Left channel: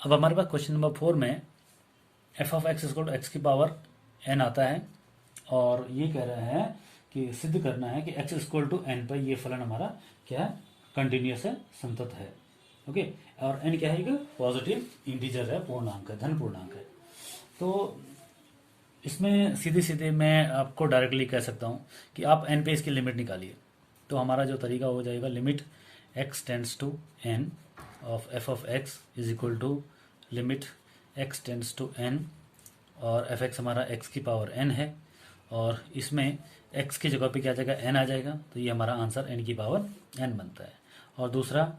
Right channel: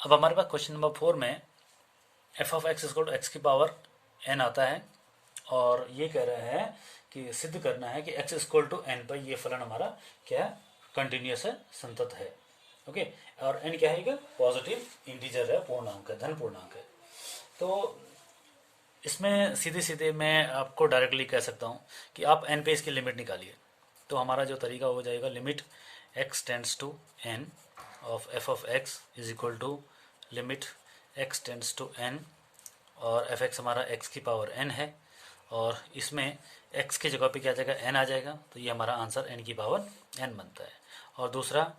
अब हमारे पास question number 4 में F of x equal to X की पावर एन आता है और ये कह रहे हैं कि सिद्ध करना है कि एक्स इक्वल टू एन पर ये फलन हमारा क्या है, कंटिन्यूअस है, संतत है। ओके, और एन क्या है, पॉजिटिव इंटीजर है, पूर्णांक है, धन पूर्णांक है। तो इसमें सीधे सीधे मैं आपको डायरेक्टली कह सकता हूं कि आप एन पे इसकी लिमिट निकालिए। तो हमारा जो तरीका हो जाएगा, limit x tends to N of F of X is equal to limit x tends to N, और एफ एक्स हमारा एक्स की पावर एन है और इसमें एक्स की जगह पे क्या आ जाएगा, एन आ जाएगा। तो ये हमारा आंसर एन की पावर एन बनता है। और दूसरा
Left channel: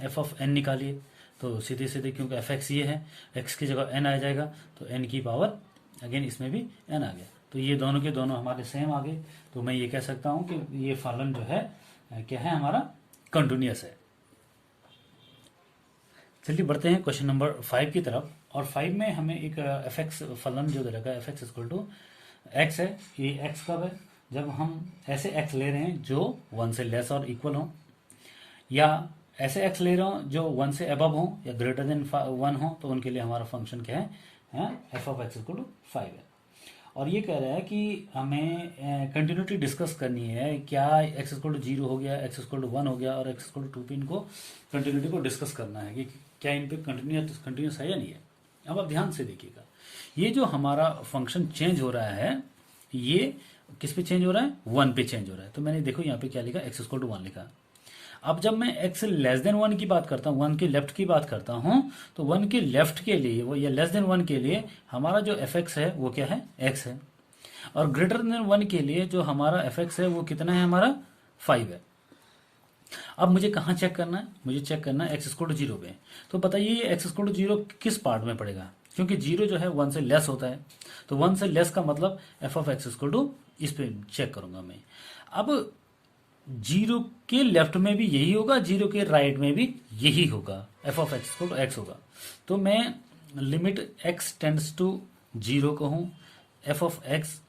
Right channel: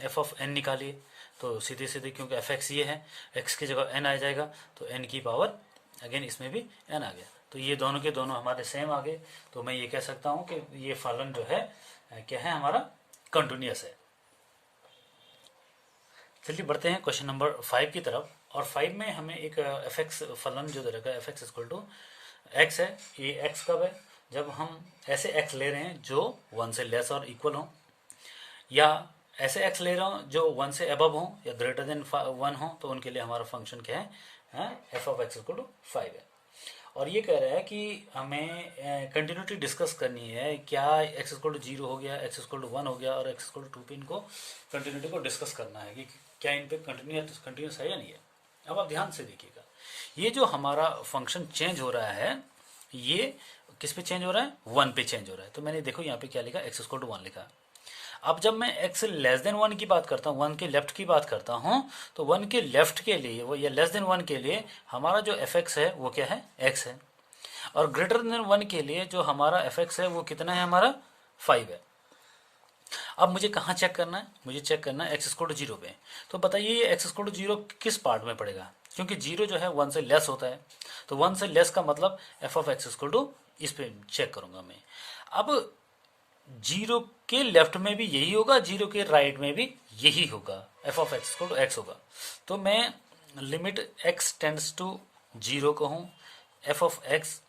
एफ ऑफ एन निकालिए, तो सीधे सीधे क्योंकि एफ एक्स ये है, एक्स की जगह एन आ जाएगा, तो एन की पावर अगेन इसमें भी एन आ गया। तो ये दोनों के दोनों हमारे सेम आ गए। तो मैं ये कह सकता हूं कि ये फलन जो है क्या है, हमारा कंटिन्यूअस है। चलिए बढ़ते हैं क्वेश्चन नंबर 5 की तरफ। और 5 में हमें एक एफ एक्स फलन जो दे रखा है, F X equal to x है। ये एक्स कब है, जब हम ऐसे एक्स ले रहे हैं जो 1 से लेस और इक्वल हो, या ऐसे एक्स ले रहे हो जो 1 से अबव हो या ग्रेटर देन 1 हो, तो उनके लिए हमारा फंक्शन क्या है, F of x equal to 5 है। और ये कह रहा है कि हमें कंटिन्यूटी डिस्कस करनी है, क्या एक्स इक्वल टू 0 हो गया, एक्स इक्वल टू 1 हो गया और एक्स इक्वल टू 2 पे इनको कंटिन्यूटी को डिस्कस करना है कि क्या इन पे कंटिन्यूस है या नहीं है। अब आप ध्यान से देखिएगा, ये जो हमारा फंक्शन चेंज हो रहा है, ये किस पे चेंज हो रहा है, 1 पे चेंज हो रहा है। तो मैंने देखो यहाँ पे क्या लिखा, एक्स इक्वल टू 1 लिखा। अब जब मैं एक्स लेस देन 1 की बात करता हूँ, 1 के लेफ्ट की बात करता हूँ, तो 1 के लेफ्ट के लिए वो या लेस देन 1 के लिए हमारा जो एफ एक्स है वो क्या है, एक्स है। और ग्रेटर देन 1 के लिए जो हमारा एफ एक्स है वो कितना है, हमारा 5 है। अब मुझे कहाँ चेक करना है, मुझे चेक करना है एक्स इक्वल टू 0 पे। तो बताइए एक्स इक्वल टू 0 किस पार्ट में पड़ेगा, क्योंकि 0 जो है 1 से लेस होता है। तो 1 से लेस का मतलब F of x equal to, इस पे चेक करूंगा मैं। अब 0 के लेफ्ट में भी यही होगा, 0 के राइट में भी यही होगा, F of x equal to X होगा। तो मैं लिमिट एक्स टेंड्स टू 0 कहूं, एफ ऑफ एक्स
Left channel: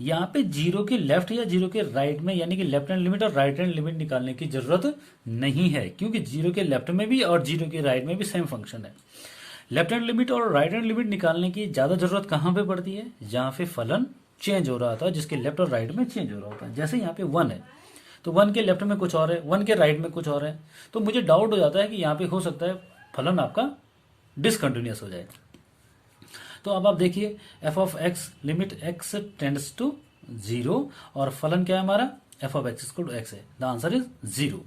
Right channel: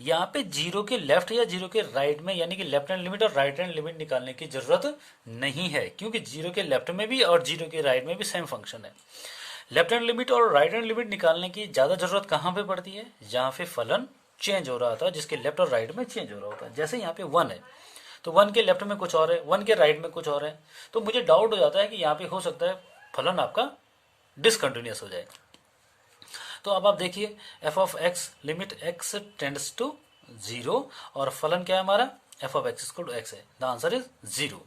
यहाँ पे 0 के लेफ्ट या 0 के राइट में, यानी कि लेफ्ट हैंड लिमिट और राइट हैंड लिमिट निकालने की जरूरत नहीं है, क्योंकि 0 के लेफ्ट में भी और 0 के राइट में भी सेम फंक्शन है। लेफ्ट हैंड लिमिट और राइट हैंड लिमिट निकालने की ज्यादा जरूरत कहां पे पड़ती है, जहां पे फलन चेंज हो रहा था, जिसके लेफ्ट और राइट में चेंज हो रहा होता है। जैसे यहाँ पे 1 है, तो 1 के लेफ्ट में कुछ और है, 1 के राइट में कुछ और है, तो मुझे डाउट हो जाता है कि यहाँ पे हो सकता है फलन आपका डिसकंटिन्यूअस हो जाए। तो अब आप देखिए, f of x limit x tends to 0, और फलन क्या है हमारा, f of x equal to x है। The answer is 0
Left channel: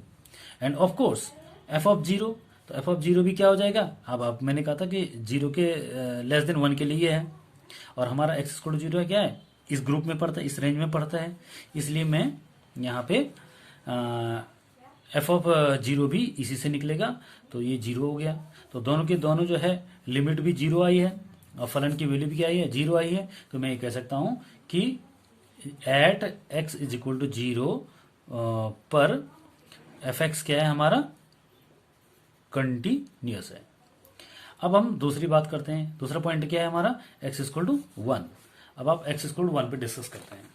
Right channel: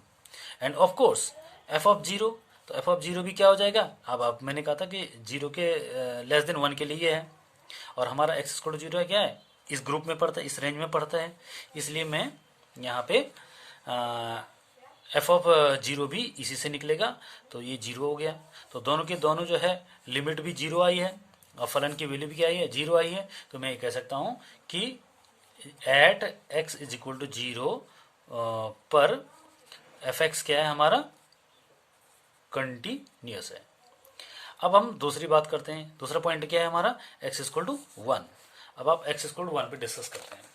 and of course f of 0, तो एफ ऑफ 0 भी क्या हो जाएगा। अब मैंने कहा था कि 0 के लेस देन 1 के लिए है, और हमारा एक्स इक्वल टू 0 है, क्या है, इस ग्रुप में पड़ता है, इस रेंज में पड़ता है, इसलिए मैं यहाँ पे एफ ऑफ 0 भी इसी से निकलेगा। तो ये 0 हो गया। तो दोनों के दोनों जो है लिमिट भी 0 आई है और फलन की वैल्यू भी क्या आई है, 0 आई है। तो मैं ये कह सकता हूं कि at X is equal to 0 पर एफ एक्स क्या है, हमारा कंटिन्यूअस है। अब हम दूसरी बात करते हैं। दूसरा पॉइंट क्या है हमारा, एक्स इक्वल टू 1। अब आप एक्स इक्वल टू 1 पे डिस्कस करते हैं।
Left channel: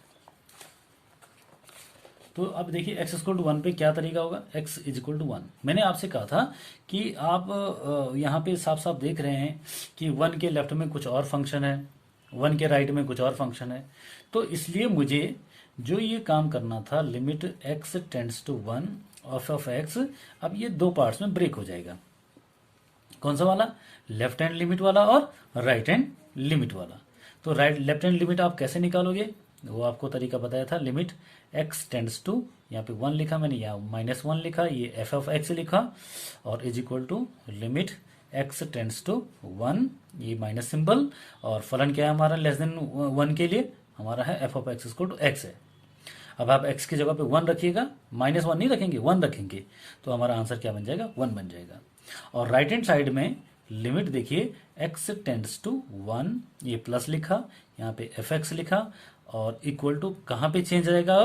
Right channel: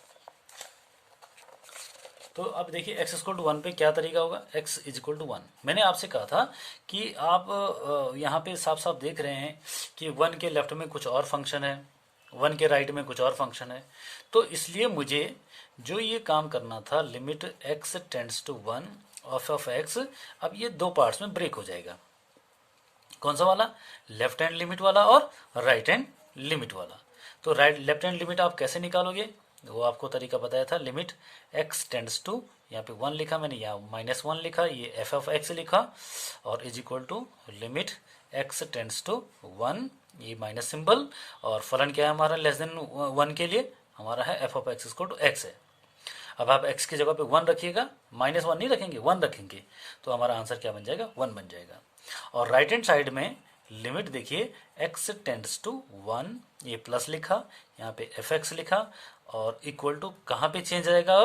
तो अब देखिए एक्स इक्वल टू 1 पे क्या तरीका होगा, एक्स इज इक्वल टू 1। मैंने आपसे कहा था कि आप यहाँ पे साफ साफ देख रहे हैं कि 1 के लेफ्ट में कुछ और फंक्शन है, 1 के राइट में कुछ और फंक्शन है। तो इसलिए मुझे जो ये काम करना था, limit x tends to 1 of x, अब ये दो पार्ट्स में ब्रेक हो जाएगा। कौन सा वाला, लेफ्ट हैंड लिमिट वाला और राइट हैंड लिमिट वाला। तो लेफ्ट हैंड लिमिट आप कैसे निकालोगे, वो आपको तरीका बताया था। लिमिट एक्स टेंड्स टू, यहाँ पे 1 लिखा मैंने, यहाँ -1 लिखा, ये एफ ऑफ एक्स लिखा, और is equal to limit x tends to 1, ये माइनस सिंबल, और फलन क्या है हमारा, लेस देन 1 के लिए हमारा है F of x equal to x है। अब आप एक्स की जगह पे 1 रखिएगा, -1 नहीं रखेंगे, 1 रखेंगे, तो हमारा आंसर क्या बन जाएगा, 1 बन जाएगा। और राइट हैंड साइड में लिमिट देखिए एक्स टेंड्स टू 1, ये प्लस लिखा, यहाँ पे एफ एक्स लिखा, और इक्वल टू कहां पे चेंज आएगा,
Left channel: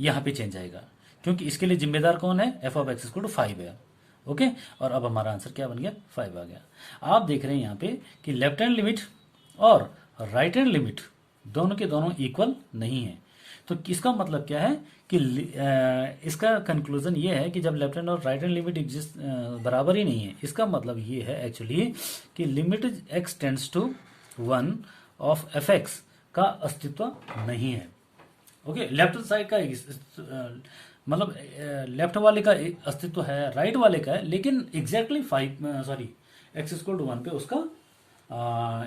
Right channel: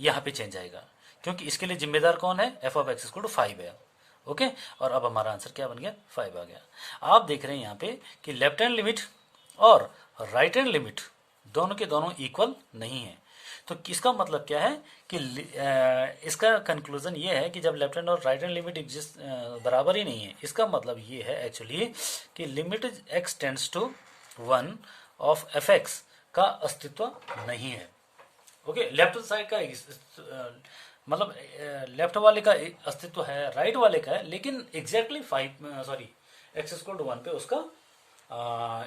यहां पे चेंज आएगा, क्योंकि इसके लिए जिम्मेदार कौन है, F of x equal to 5 है। ओके, और अब हमारा आंसर क्या बन गया, 5 आ गया। आप देख रहे हैं यहाँ पे कि लेफ्ट हैंड लिमिट और राइट हैंड लिमिट दोनों के दोनों इक्वल नहीं है, तो इसका मतलब क्या है कि इसका कंक्लूजन ये है कि जब लेफ्ट हैंड और राइट हैंड लिमिट एग्जिस्ट बराबर ही नहीं है, इसका मतलब ये है एक्चुअली कि limit x tends to 1 of f x का अस्तित्व नहीं है। ओके, लेफ्ट साइड का मतलब लेफ्ट वाले का अस्तित्व है, राइट वाले का है, लेकिन एग्जैक्टली एक्स इक्वल टू 1 पे उसका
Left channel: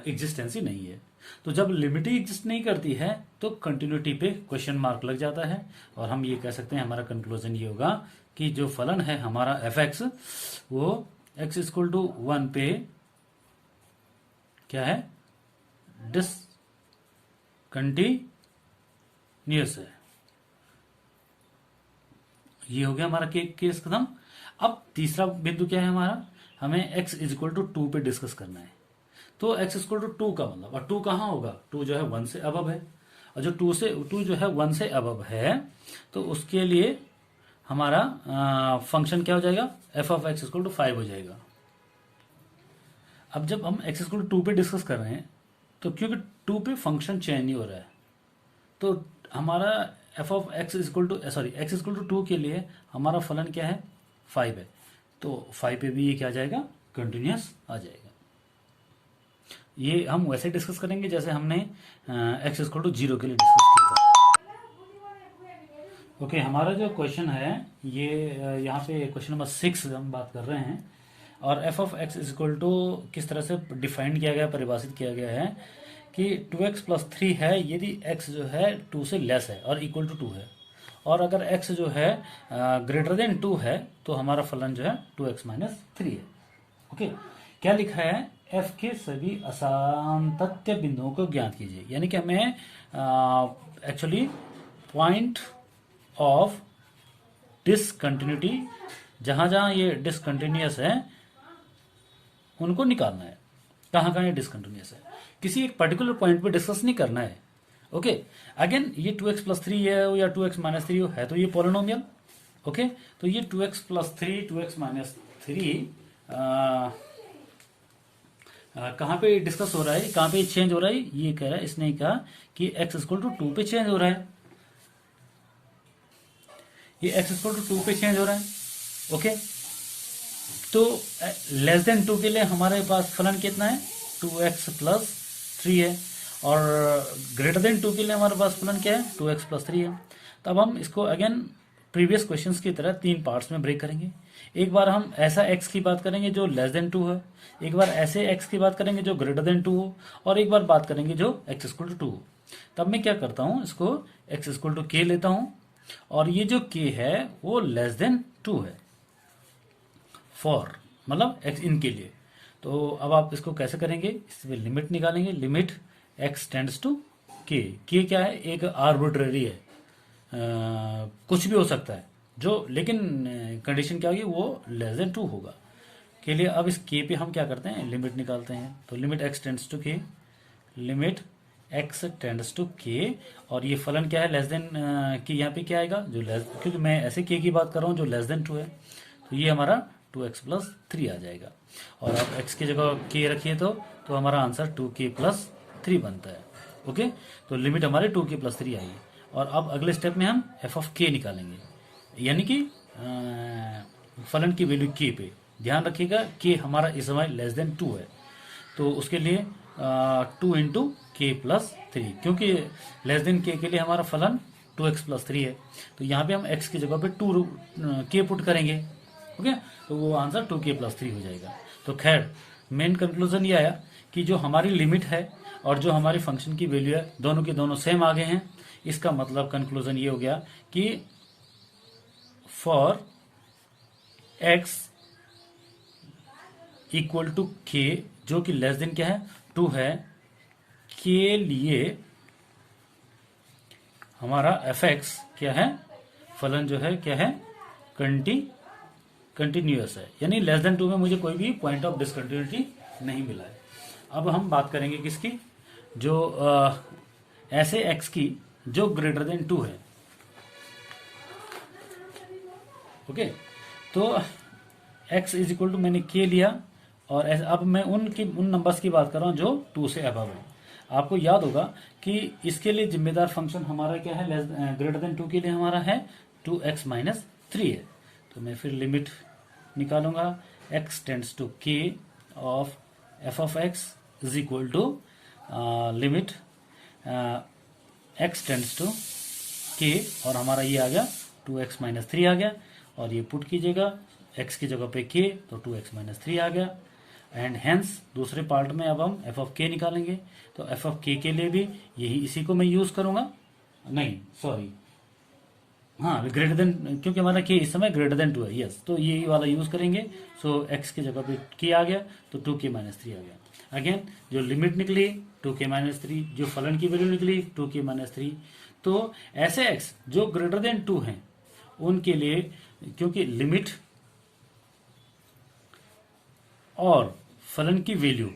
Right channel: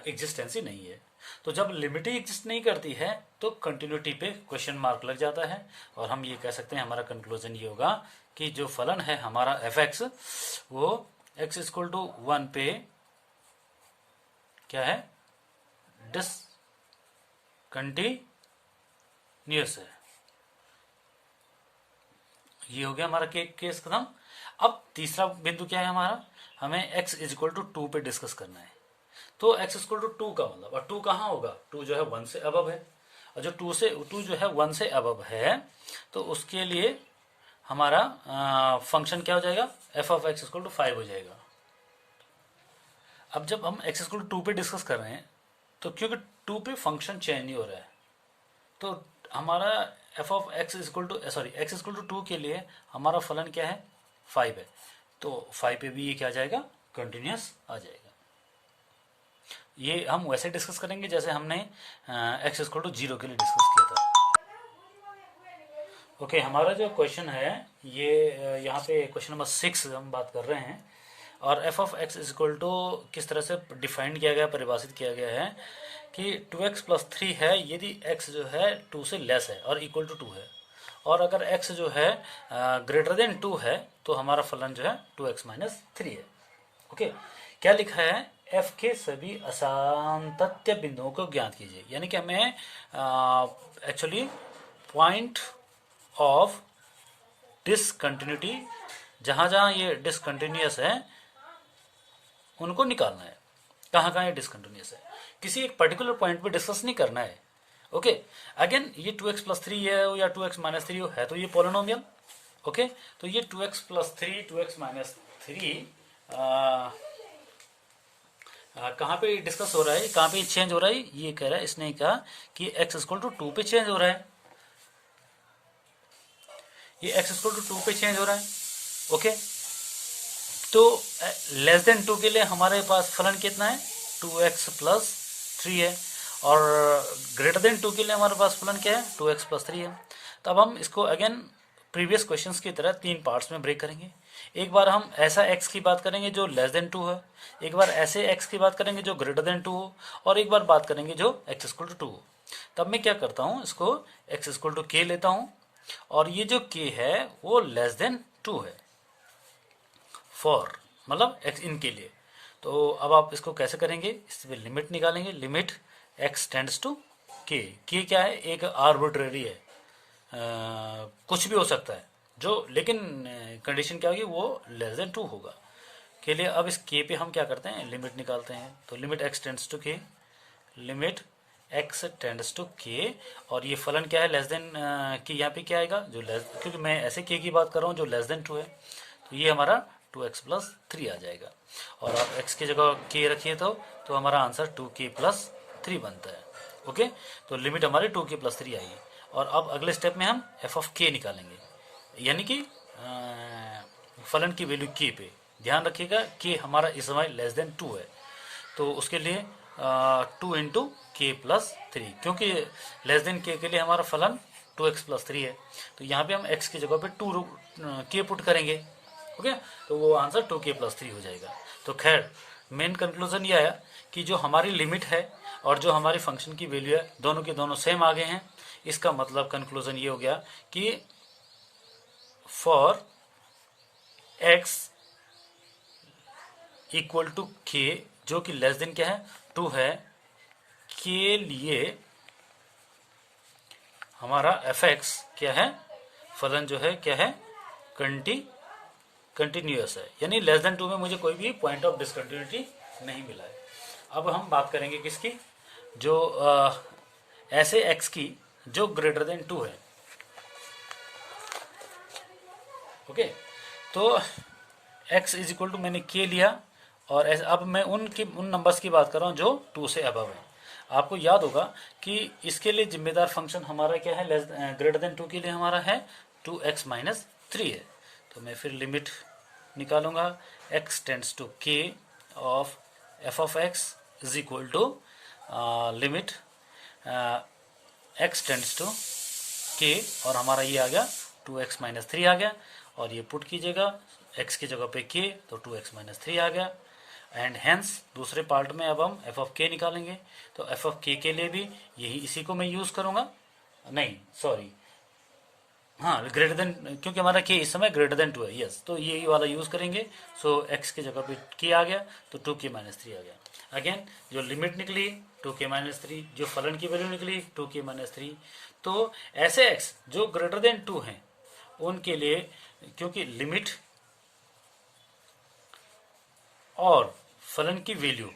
एग्जिस्टेंस ही नहीं है। तो जब लिमिट ही एग्जिस्ट नहीं करती है तो कंटिन्यूटी पे क्वेश्चन मार्क लग जाता है, और हम ये कह सकते हैं, हमारा कंक्लूजन ये होगा कि जो फलन है हमारा एफ एक्स, वो एक्स इक्वल टू 1 पे क्या है, डिसकंटिन्यूअस है। ये हो गया हमारा केस खत्म। अब तीसरा बिंदु क्या है हमारा, हमें x इज इक्वल टू 2 पे डिस्कस करना है। तो x इक्वल टू 2 का मतलब, और 2 कहाँ होगा, 2 जो है 1 से अबव है, और जो 2 जो है 1 से अबव है, तो उसके लिए हमारा फंक्शन क्या हो जाएगा, f of x equal to 5 हो जाएगा। अब जब हम x इक्वल टू 2 पे डिस्कस कर रहे हैं, तो क्योंकि 2 पे फंक्शन चेंज नहीं हो रहा है, तो हमारा f of x equal to x equal to 2 के लिए हमारा फलन क्या है, 5 है। तो 5 पे भी ये क्या आ जाएगा, कंटिन्यूअस आ जाएगा। ये हम वैसे डिस्कस करेंगे जैसे हमने एक्स इक्वल टू 0 के लिए डिस्कस किया था। ओके, हमारा जो क्वेश्चन है ये यहाँ पे क्वेश्चन नंबर 6 हम बात कर रहे हैं, और f of x equal to किस तरह से डिफाइन किया गया, परिभाषित किया गया है कि 2x प्लस 3 है यदि x जो है 2 से लेस है और इक्वल टू 2 है, और अगर x जो है ग्रेटर देन 2 है तो हमारा फलन जो है 2x माइनस 3 है। ओके, क्या लिखा है, f के सभी असांतत्य बिंदुओं को ज्ञात कीजिए। यानी कि हमें एक्चुअली पॉइंट ऑफ डिसकंटिन्यूटी, जहां जहां ये डिसकंटिन्यूअस है उनको निकालना है। कहाँ कहाँ ये डिसकंटिन्यूअस है, किसी एक पर्टिकुलर पॉइंट पे डिस्कस नहीं करना है। ओके, अगेन ये 2x प्लस 3 है या 2x माइनस 3 है, तो ये पोलिनोमियल। ओके, तो ये 2x प्लस 3 2x माइनस 3 कहाँ पे डिस्कस हो रहा है, कहाँ पे चेंज हो रहा है, ये कह रहा है, इसने कहा कि x इक्वल टू 2 पे चेंज हो रहा है, ये x इक्वल टू 2 पे चेंज हो रहा है। ओके, तो लेस देन 2 के लिए हमारे पास फलन कितना है, 2x प्लस 3 है, और ग्रेटर देन 2 के लिए हमारे पास फलन क्या है, 2x प्लस 3 है। तो अब हम इसको अगेन प्रीवियस क्वेश्चंस की तरह 3 पार्ट्स में ब्रेक करेंगे। एक बार हम ऐसा x की बात करेंगे जो लेस देन 2 है, एक बार ऐसे x की बात करेंगे जो ग्रेटर देन 2 हो, और एक बार बात करेंगे जो x इक्वल टू 2 हो। तब मैं क्या करता हूँ, इसको x इक्वल टू k लेता हूँ, और ये जो k है वो लेस देन 2 है, फॉर मतलब x इन के लिए। तो अब आप इसको कैसे करेंगे, इसमें लिमिट निकालेंगे, limit x tends to k। k क्या है, एक आर्बिट्रेरी है, कुछ भी हो सकता है जो, लेकिन कंडीशन क्या होगी, वो लेस देन 2 होगा के लिए। अब इस k पे हम क्या करते हैं, लिमिट निकालते हैं। तो limit x tends to k, limit x tends to k, और ये फलन क्या है, लेस देन k। यहाँ पे क्या आएगा, जो लेस, क्योंकि मैं ऐसे k की बात कर रहा हूँ जो लेस देन 2 है, तो ये हमारा 2x प्लस 3 आ जाएगा। और आप x की जगह k रखिए तो हमारा आंसर 2k प्लस 3 बनता है। ओके, तो लिमिट हमारी 2k प्लस 3 आई है। और अब अगले स्टेप में हम f ऑफ k निकालेंगे, यानी कि फलन की वैल्यू k पे। ध्यान रखिएगा k हमारा इस समय लेस देन 2 है, तो उसके लिए 2 इंटू के प्लस 3, क्योंकि लेस देन k के लिए हमारा फलन 2x प्लस 3 है, तो यहाँ पे हम x की जगह पे 2k पुट करेंगे। ओके, तो वो आंसर 2k प्लस 3 हो जाएगा। तो खैर मेन कंक्लूजन ये है कि जो हमारी लिमिट है और जो हमारी फंक्शन की वैल्यू है, दोनों के दोनों सेम आ गए हैं। इसका मतलब कंक्लूजन ये हो गया कि for x equal to k, जो कि लेस देन क्या है, 2 है, के लिए हमारा एफ एक्स क्या है, फलन जो है क्या है, कंटिन्यूअस है। यानी लेस देन 2 में मुझे कोई भी पॉइंट ऑफ डिसकंटिन्यूटी नहीं मिला है। अब हम बात करेंगे किसकी, जो ऐसे x की जो ग्रेटर देन 2 है। ओके, तो x इज इक्वल टू मैंने k लिया, और अब मैं उन नंबर्स की बात कर रहा हूं जो 2 से अबव है। आपको याद होगा कि इसके लिए जिम्मेदार फंक्शन हमारा क्या है, ग्रेटर देन 2 के लिए हमारा है 2x-3 है। तो मैं फिर लिमिट निकालूंगा, x tends to k of f of x is equal to limit x tends to k, और हमारा ये आ गया 2x-3 आ गया, और ये पुट कीजिएगा x की जगह पे k, तो 2x-3 आ गया। एंड हेंस दूसरे पार्ट में अब हम f ऑफ k निकालेंगे, तो f ऑफ k के लिए भी यही इसी को मैं यूज करूंगा, नहीं सॉरी, हाँ ग्रेटर देन, क्योंकि हमारा k इस समय ग्रेटर देन 2 है, यस, तो यही वाला यूज करेंगे। सो x की जगह पे k आ गया, तो 2k-3 आ गया। अगेन जो लिमिट निकली 2k-3, जो फलन की वैल्यू निकली 2k-3, तो ऐसे x जो ग्रेटर देन 2 हैं उनके लिए, क्योंकि लिमिट और फलन की वैल्यू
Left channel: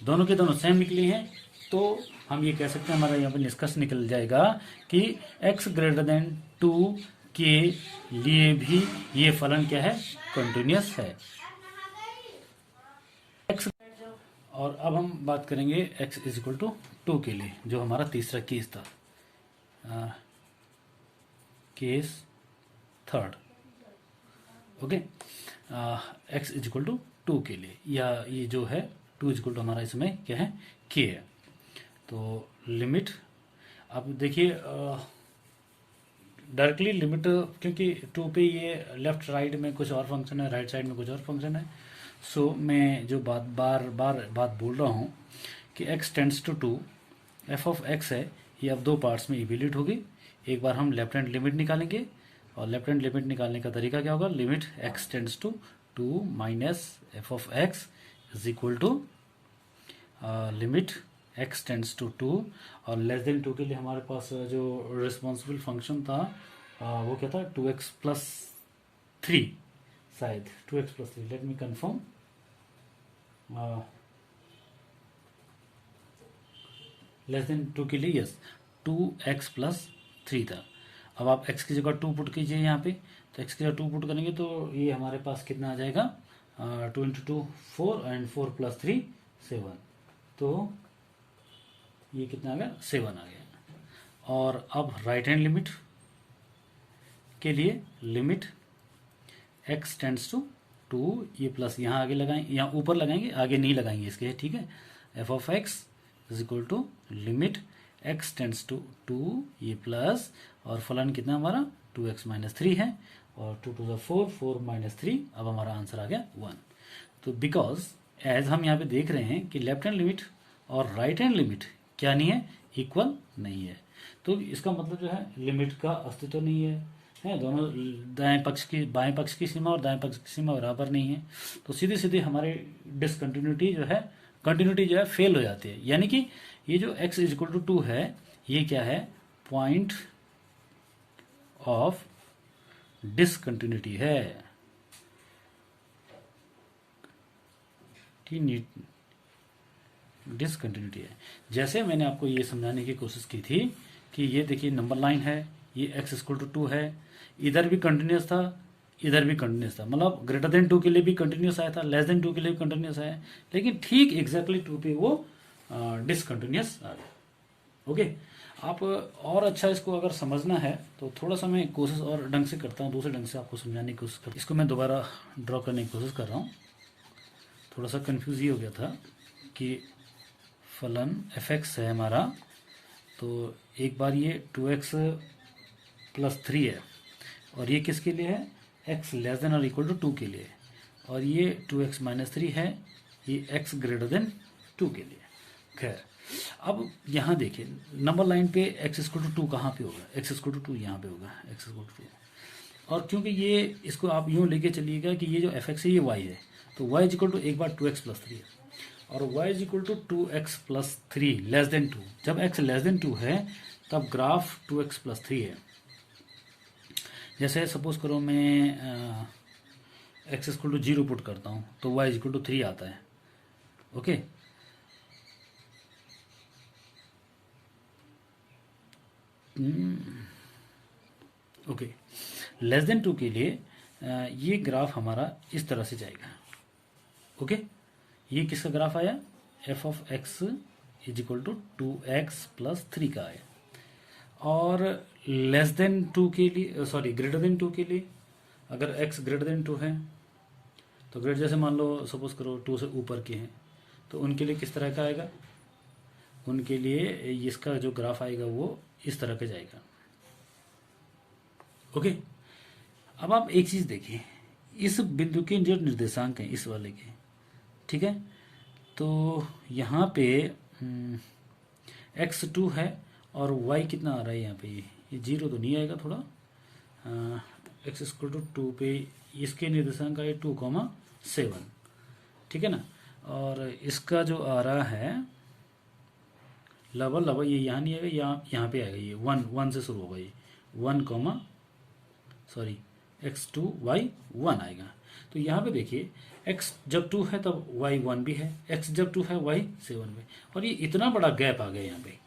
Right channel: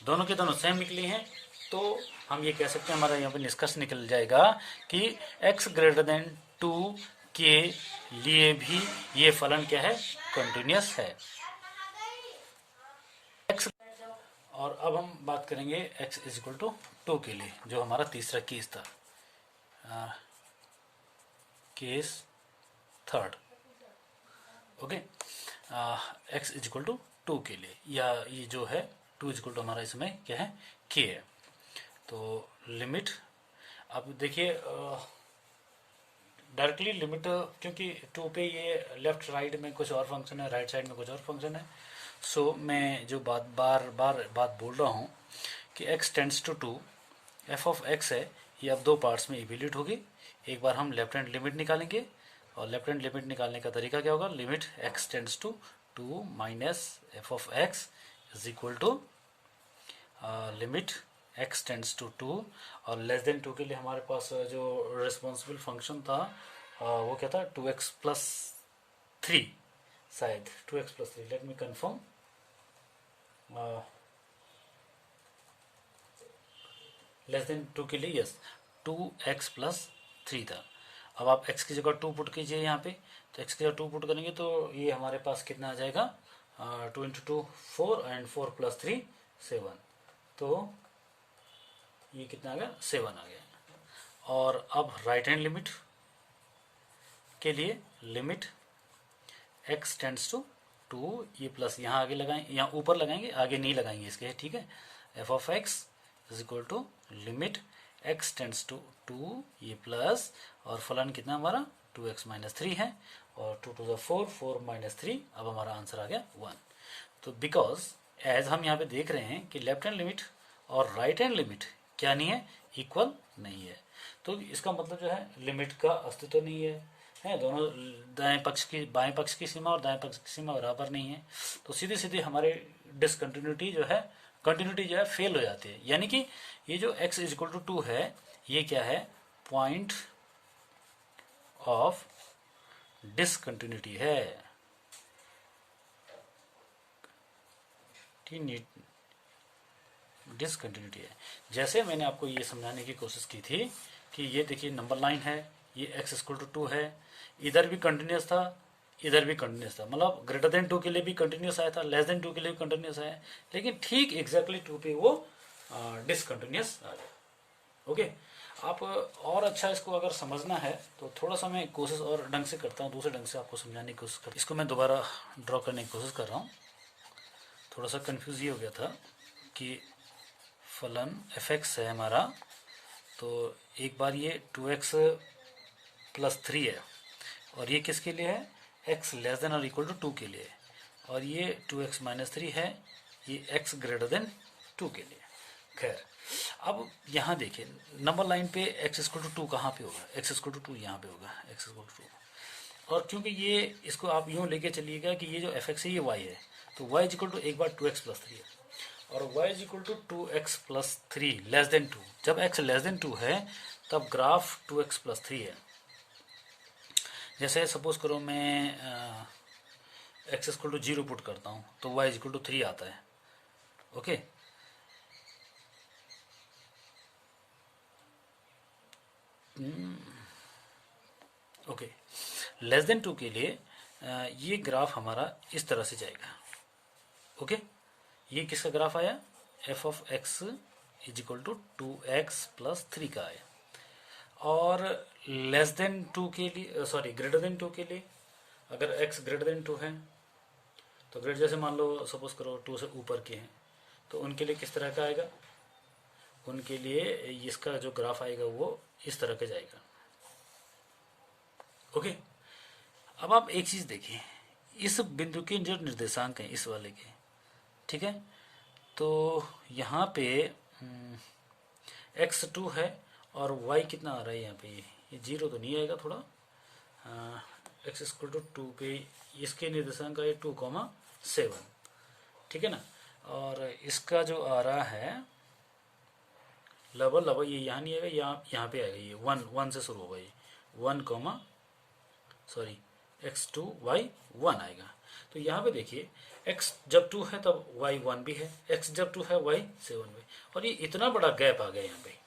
दोनों के दोनों सेम निकली हैं, तो हम ये कह सकते हैं, हमारा यहाँ पे निष्कर्ष निकल जाएगा कि x ग्रेटर देन 2 के लिए भी ये फलन क्या है, कंटिन्यूअस है। x, और अब हम बात करेंगे x इज इक्वल टू 2 के लिए, जो हमारा तीसरा केस था, case third. Okay, x is equal to 2 के लिए, या ये जो है 2 इज इक्वल टू हमारा इसमें क्या है, k है। तो लिमिट, अब देखिए डायरेक्टली लिमिट, क्योंकि 2 पे ये लेफ्ट राइट में कुछ और फंक्शन है, राइट साइड में कुछ और फंक्शन है। सो मैं जो बार बात बोल रहा हूँ कि x tends to 2, f of x है, ये अब दो पार्ट्स में इवेल्यूएट होगी। एक बार हम लेफ्ट हैंड लिमिट निकालेंगे, और लेफ्ट हैंड लिमिट निकालने का तरीका क्या होगा, limit x tends to 2 minus f of x is equal to limit x tends to 2, और लेस देन 2 के लिए हमारे पास जो रिस्पॉन्सिबल फंक्शन था वो क्या था, 2x+3, शायद 2x+3, let me confirm, less than 2 के लिए यस 2x+3 था। अब आप x की जगह 2 पुट कीजिए यहाँ पे, तो x की जगह 2 पुट करेंगे तो ये हमारे पास कितना आ जाएगा, 2 × 2 4, एंड 4 + 3 7, तो ये कितना आ गया, 7 आ गया। और अब राइट हैंड लिमिट के लिए लिमिट x टेंड्स टू 2, ये प्लस यहाँ आगे लगाएंगे, यहाँ ऊपर लगाएंगे, आगे नहीं लगाएंगे इसके, ठीक है। f of x is equal to limit x tends to 2, ये प्लस, और फलन कितना हमारा 2x-3 है, और 2 × 4, 4 - 3, अब हमारा आंसर आ गया 1। तो बिकॉज एज हम यहाँ पे देख रहे हैं कि लेफ्ट हैंड लिमिट और राइट हैंड लिमिट क्या नहीं है, इक्वल नहीं है, तो इसका मतलब जो है लिमिट का अस्तित्व नहीं है, दोनों दाएं पक्ष की, बाएं पक्ष की सीमा और दाएं पक्ष की सीमा बराबर नहीं है, तो सीधी सीधी हमारे डिसकंटिन्यूटी जो है, कंटिन्यूटी जो है फेल हो जाती है। यानी कि ये जो x इज इक्वल टू 2 है, ये क्या है, पॉइंट ऑफ डिसकंटिन्यूटी है, डिसकंटिन्यूटी है। जैसे मैंने आपको ये समझाने की कोशिश की थी कि ये देखिए नंबर लाइन है, ये x इक्वल टू 2 है, इधर भी कंटिन्यूस था, इधर भी कंटिन्यूस था, मतलब ग्रेटर देन 2 के लिए भी कंटिन्यूस आया था, लेस देन 2 के लिए भी कंटिन्यूस आया, लेकिन ठीक एग्जैक्टली 2 पे वो डिसकंटिन्यूस आ गया। ओके, आप और अच्छा इसको अगर समझना है तो थोड़ा सा मैं कोशिश और ढंग से करता हूँ, दूसरे ढंग से आपको समझाने की कोशिश करता हूँ। इसको मैं दोबारा ड्रॉ करने की कोशिश कर रहा हूँ। थोड़ा सा कंफ्यूज ये हो गया था कि फलन fx है हमारा, तो एक बार ये 2x+3 है, और ये किसके लिए है, x लेस देन और इक्वल टू 2 के लिए, और ये 2x-3 है, ये x ग्रेटर देन 2 के लिए। खैर, अब यहाँ देखिए नंबर लाइन पे x इक्वल टू 2 कहाँ पे होगा, x इक्वल टू 2 यहाँ पे होगा, x इक्वल टू 2, और क्योंकि ये इसको आप यूं लेके चलिएगा कि ये जो fx है ये y है, तो y इक्वल टू एक बार 2x+3 है, और y equal to 2x+3 less than 2। जब x लेस देन 2 है तब ग्राफ 2x+3 है। जैसे सपोज करो मैं x इक्वल टू 0 पुट करता हूँ तो y इक्वल टू 3 आता है। ओके, ओके, लेस देन 2 के लिए ये ग्राफ हमारा इस तरह से जाएगा। ओके, ये किसका ग्राफ आया, f of x is equal to 2x+3 का है। और लेस देन 2 के लिए, सॉरी ग्रेटर देन 2 के लिए, अगर x ग्रेटर देन 2 है तो ग्रेड जैसे मान लो सपोज करो 2 से ऊपर के हैं तो उनके लिए किस तरह का आएगा, उनके लिए इसका जो ग्राफ आएगा वो इस तरह का जाएगा। ओके, अब आप एक चीज देखिए, इस बिंदु के जो निर्देशांक हैं इस वाले के, ठीक है, तो यहाँ पे x2 है और y कितना आ रहा है यहाँ पे, ये 0 तो नहीं आएगा, थोड़ा x=2 पे इसके निर्देशांक आए 2,7, ठीक है ना। और इसका जो आ रहा है लगभग ये यहाँ नहीं आएगा, यहाँ पे आएगा, ये 1 से शुरू होगा, ये 1, x2 y 1 आएगा। तो यहाँ पे देखिए x जब 2 है तब y 1 भी है, x जब 2 है y 7 भी, और ये इतना बड़ा गैप आ गया यहाँ पे।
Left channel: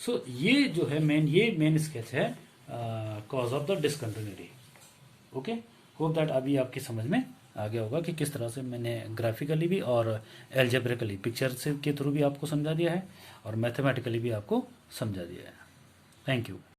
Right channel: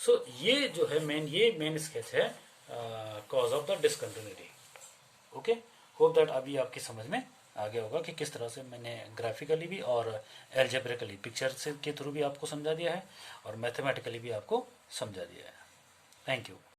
सो ये जो है मेन स्केच है cause of the discontinuity. Okay, hope that अभी आपकी समझ में आ गया होगा कि किस तरह से मैंने ग्राफिकली भी और एल्जेब्रिकली पिक्चर से के थ्रू भी आपको समझा दिया है और मैथमेटिकली भी आपको समझा दिया है। Thank you.